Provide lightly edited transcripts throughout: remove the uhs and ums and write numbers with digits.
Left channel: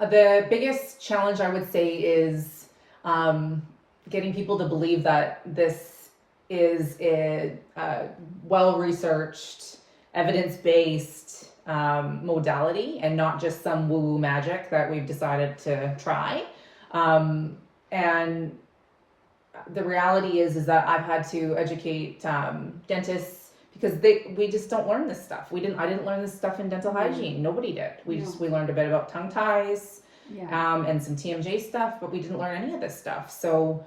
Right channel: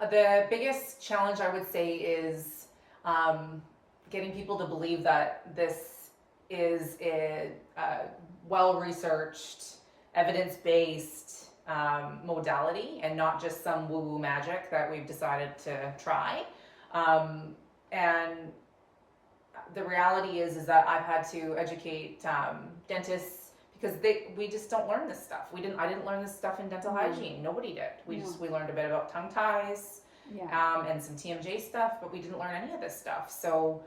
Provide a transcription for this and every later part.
The biggest challenge I would say is getting people to believe that this is a well-researched, evidence-based modality and not just some woo-woo magic that we've decided to try. And the reality is that I've had to educate dentists because we just don't learn this stuff. I didn't learn this stuff in dental hygiene. Nobody did. We learned a bit about tongue ties, and some TMJ stuff, but we didn't learn any of this stuff. So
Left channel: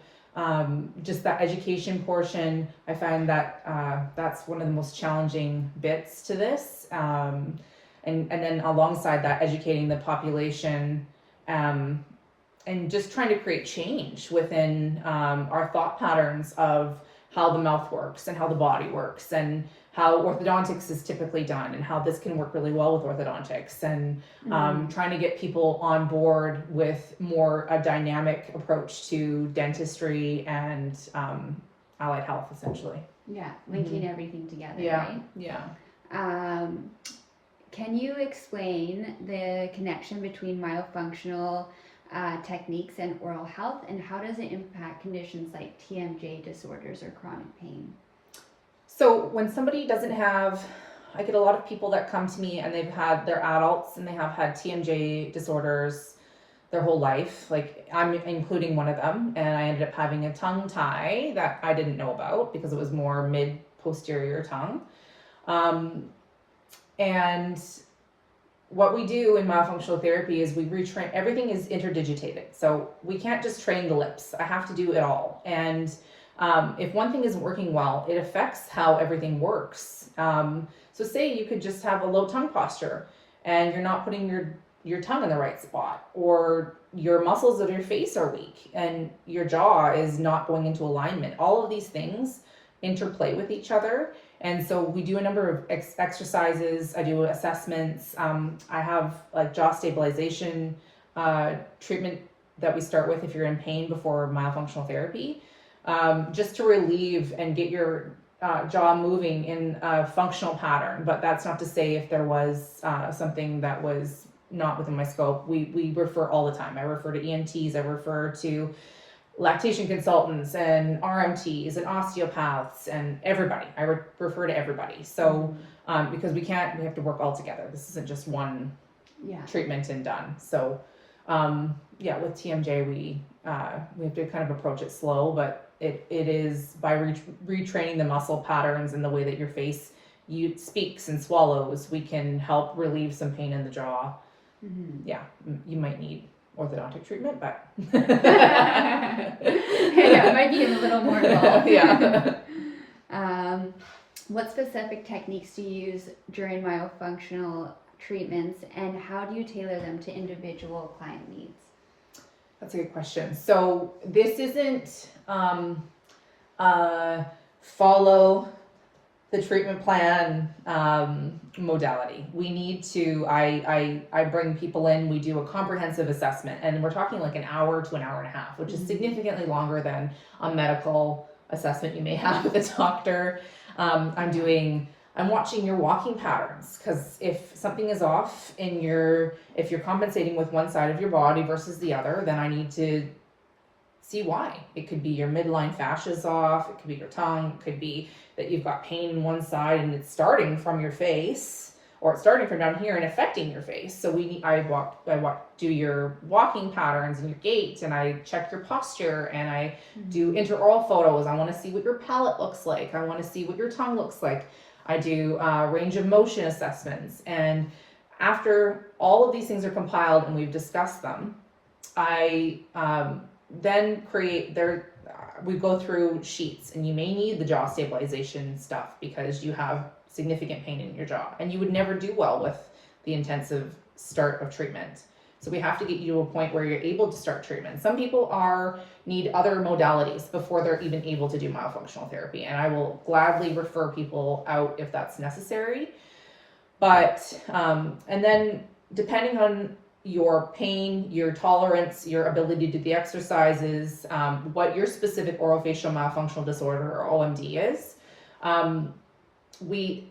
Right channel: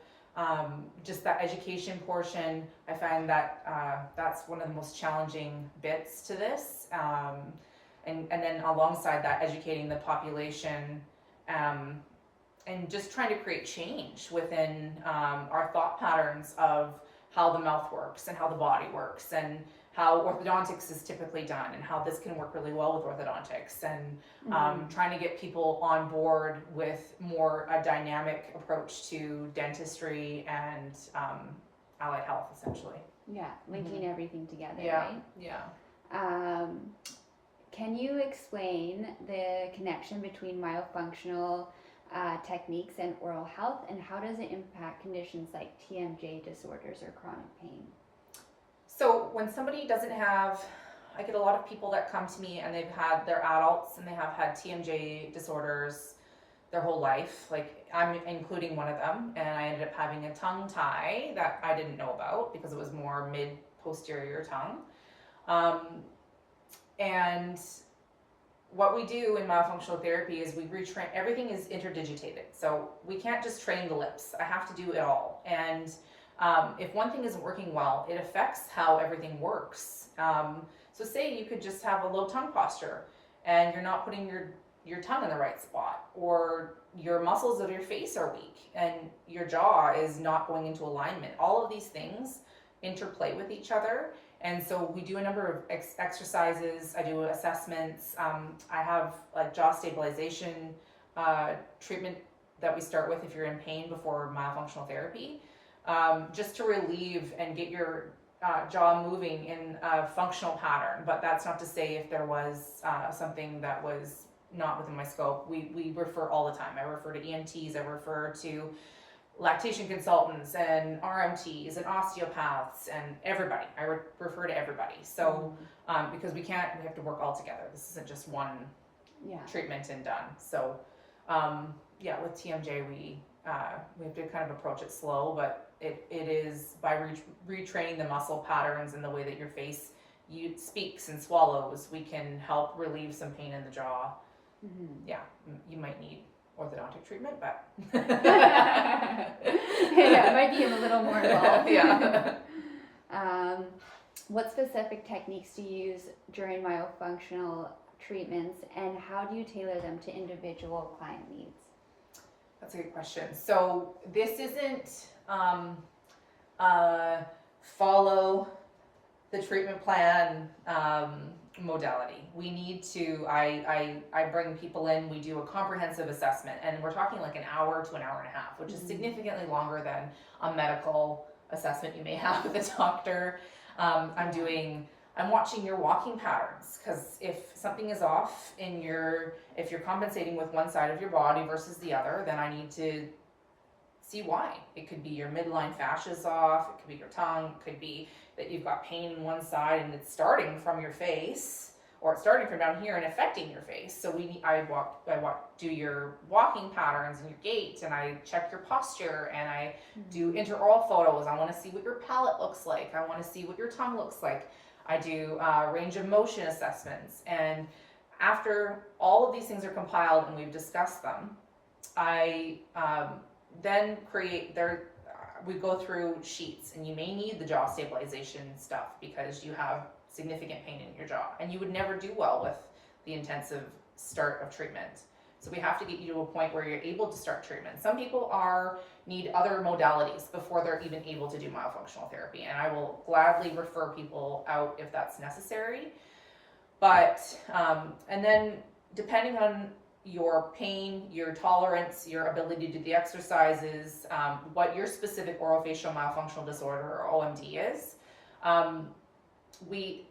just that education portion, I find that that's one of the most challenging bits to this. And then alongside that, educating the population, and just trying to create change within our thought patterns of how the mouth works and how the body works and how orthodontics is typically done and how this can work really well with orthodontics, and trying to get people on board with more a dynamic approach to dentistry and allied health, essentially. Yeah, linking everything together, right? Yeah. Can you explain the connection between myofunctional techniques and oral health, and how does it impact conditions like TMJ disorders or chronic pain? So when somebody doesn't have, I get a lot of people that come to me and they're adults and they have had TMJ disorders their whole life. Like, I'm including one of them, and I ended up having a tongue tie that I didn't know about because it was more mid-posterior tongue. And what we do in myofunctional therapy is we retrain. Everything is interdigitated, so we can't just train the lips. I have to do it all. And if one thing isn't working well, it affects how everything works. So say you could just have a low tongue posture and you're not putting your tongue in the right spot, or your muscles of your face are weak and your jaw is not going into alignment. All of these things interplay with each other. And so we do a number of exercises. I do assessments. I have like jaw stabilization treatment that we start with if you're in pain before myofunctional therapy, just to relieve and get your jaw moving in a functional pattern. But that's not to say if there was something that was not within my scope. We refer all the time. I refer to ENTs. I refer to lactation consultants and RMTs and osteopaths and everybody. I refer to everybody. So because we have to work all together. This isn't just one treatment and done. So with TMJ we have to kind of approach it slow, but it is by retraining the muscle patterns and the way that your face speaks and swallows, we can help relieve some pain in the jaw. You might need orthodontic treatment, but it might be a little more involved. What specific techniques do you use during myofunctional treatments, and how do you tailor them to individual client needs? That's a good question. So this isn't follow the treatment plan modality. We need to, I bring people in, we do a comprehensive assessment, and we're talking like an hour to an hour and a half, which is significantly longer than a medical assessment you may have with a doctor. I'm watching your walking patterns, because if something is off if you're compensating with one side of your body versus the other, then I need to see why. It could be your midline fascia is off, it could be your tongue, it could be that you've got pain in one side and it's starting from your face, or it's starting from down here and affecting your face. So I do your walking patterns and your gait, and I check your posture, and I do intraoral photos. I want to see what your palate looks like. I want to see what your tongue looks like. I do range of motion assessments. And after all of these things are compiled and we've discussed them, I then we go through sheets, and you may need the jaw stabilization stuff because you have significant pain in your jaw, and you would never do well with the intensive start of treatment. So we have to get you to a point where you're able to start treatment. Some people need other modalities before they're even able to do myofunctional therapy, and I will gladly refer people out if that's necessary. But and then depending on your pain, your tolerance, your ability to do the exercises, what your specific orofacial myofunctional disorder or OMD is, we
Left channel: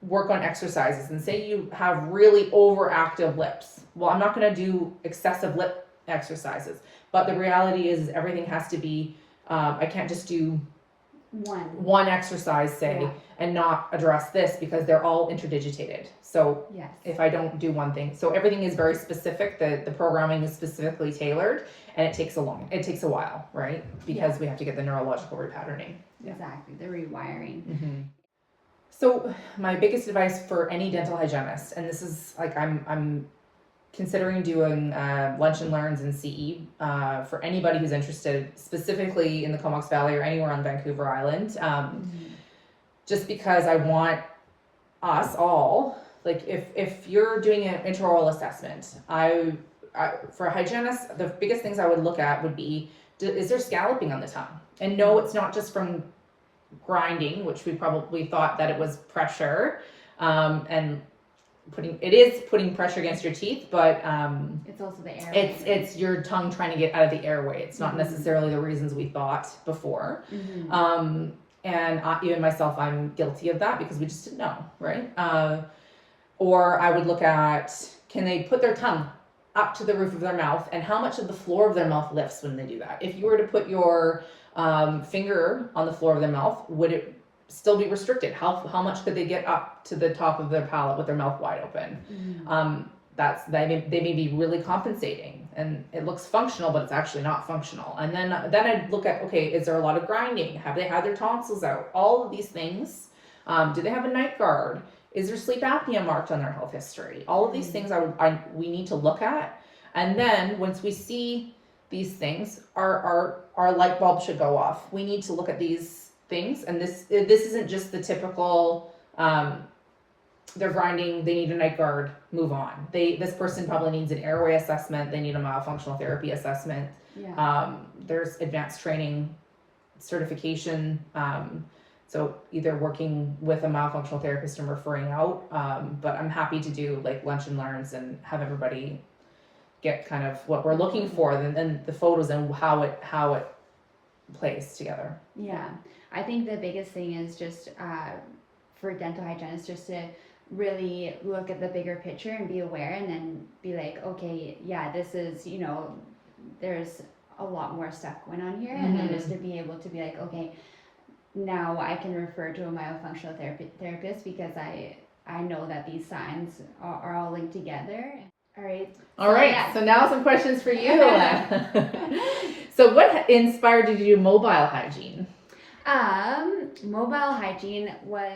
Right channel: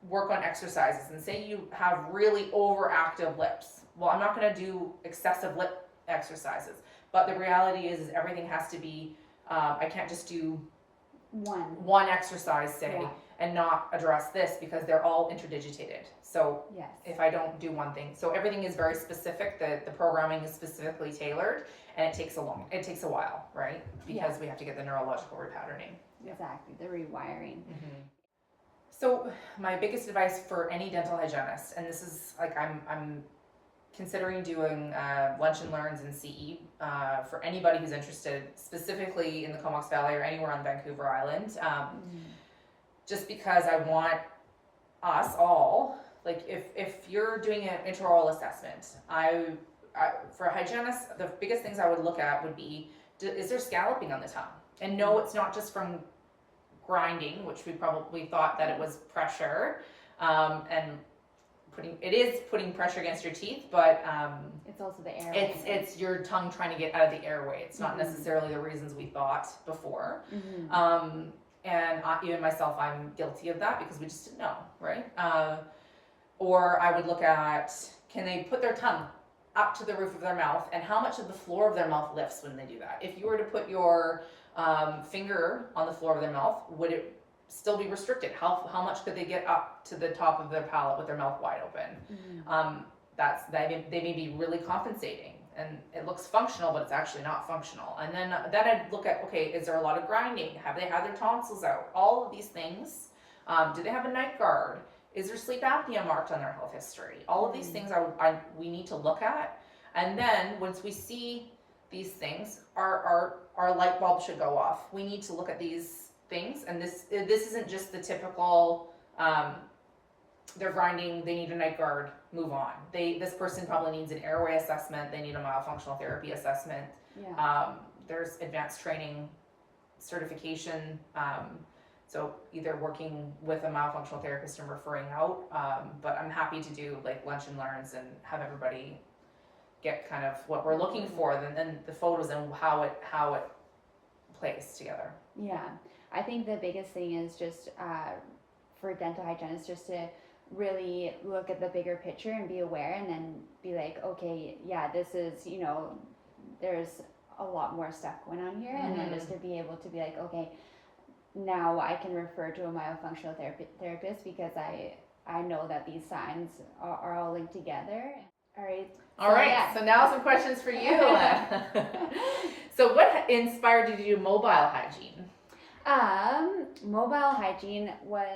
work on exercises, and say you have really overactive lips. Well, I'm not going to do excessive lip exercises, but the reality is everything has to be, I can't just do one exercise, say, Yeah. and not address this, because they're all interdigitated. So Yes. if I don't do one thing, so everything is very specific. The programming is specifically tailored, and it takes a while, right? Because we have to get the neurological repatterning. Exactly, the rewiring. Mm-hmm. So my biggest advice for any dental hygienist, and this is like I'm considering doing lunch and learns in CE for anybody who's interested, specifically in the Comox Valley or anywhere on Vancouver Island, just because I want us all, like if you're doing an intraoral assessment, I for a hygienist, the biggest things I would look at would be, is there scalloping on the tongue? And no, it's not just from grinding, which we probably thought that it was pressure, and putting pressure against your teeth, but it's also the airway. It's your tongue trying to get out of the airway. It's not necessarily the reasons we thought before. And even myself, I'm guilty of that because we just didn't know, right? Or I would look at, can they put their tongue up to the roof of their mouth, and how much of the floor of their mouth lifts when they do that? If you were to put your finger on the floor of their mouth, would it still be restricted? How much could they get up to the top of their palate with their mouth wide open? They may be really compensating, and it looks functional, but it's actually not functional. And then I'd look at, okay, is there a lot of grinding? Have they had their tonsils out? All of these things. Do they have a night guard? Is there sleep apnea marked on their health history? All of these things we need to look at. And then once we see these things, our light bulb should go off. We need to look at these things, and this isn't just the typical they're grinding, they need a night guard, move on. This person probably needs an airway assessment, they need a myofunctional therapy assessment. There's advanced training certification, so either working with a myofunctional therapist and referring out, but I'm happy to do like lunch and learns and have everybody get kind of what we're looking for, and the photos and how it plays together. Yeah, I think the biggest thing is just for dental hygienists just to really look at the bigger picture and be aware, and then be like, okay, yeah, this is, there's a lot more stuff going on here, and then just to be able to be like, okay, now I can refer to a myofunctional therapist because I know that these signs are all linked together. All right. Yeah. So now some questions for you. So what inspired you to do mobile hygiene? Mobile hygiene was